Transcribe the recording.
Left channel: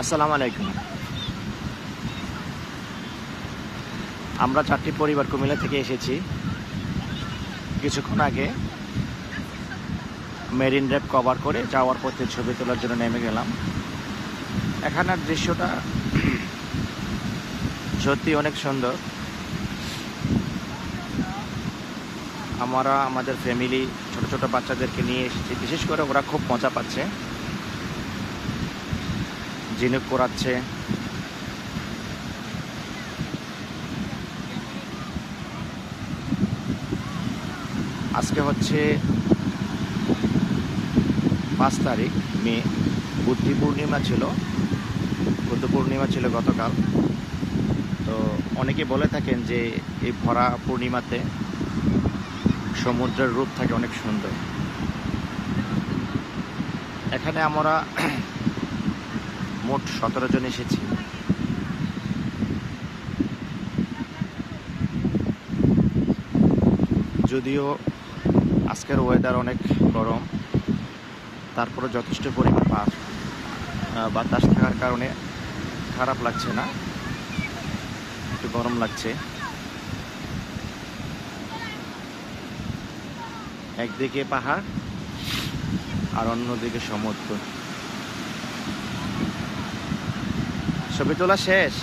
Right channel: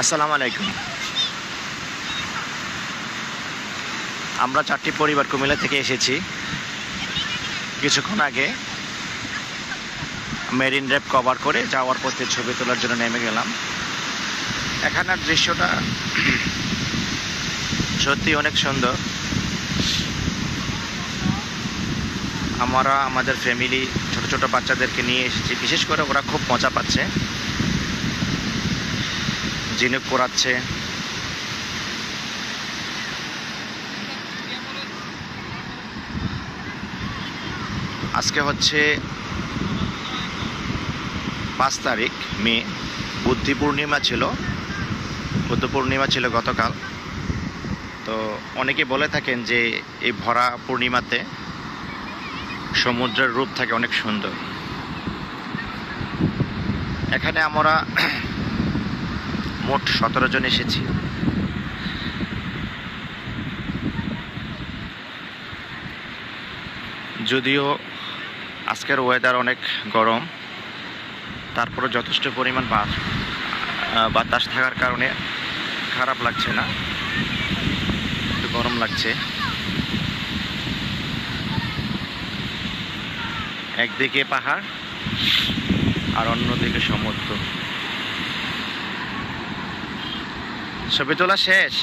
আসসালামু আলাইকুম। আমরা 4টি পরিবার কুমিল্লা থেকে এসেছি। কিছুক্ষণ আগে মেরিন ড্রাইভ কভার করে যাওয়ার পথে ছবি তোলার জন্য নেমে গেলাম। এখানের দৃশ্যটা সত্যি অনেক সুন্দর। আমরা আমাদের ফ্যামিলি ছোট ছোট বাচ্চাদেরকে নিয়ে এসেছি। বিশেষ করে ওরা খুব মজা পাচ্ছে, ঝিনুক পোড়াচ্ছে। আজকে হচ্ছে 5 তারিখ মে। বুদ্ধ পূর্ণিমা ছিল গতকাল। তো অনেকে বলে থাকেন যে এই ভরা পূর্ণিমাতে সমুদ্রের রূপ থাকে অনেক সুন্দর। এখানে আমরা মোট 17 জন এসেছি। যদিও আজকের ওয়েদার অনেক গরম, তারপরে যথেষ্ট পরিমাণ বাতাস থাকার কারণে খারাপ লাগছে না, একটু গরম লাগছে। একদিকে পাহাড় আর অন্যদিকে সমুদ্র। ছবি তোলা শেষ।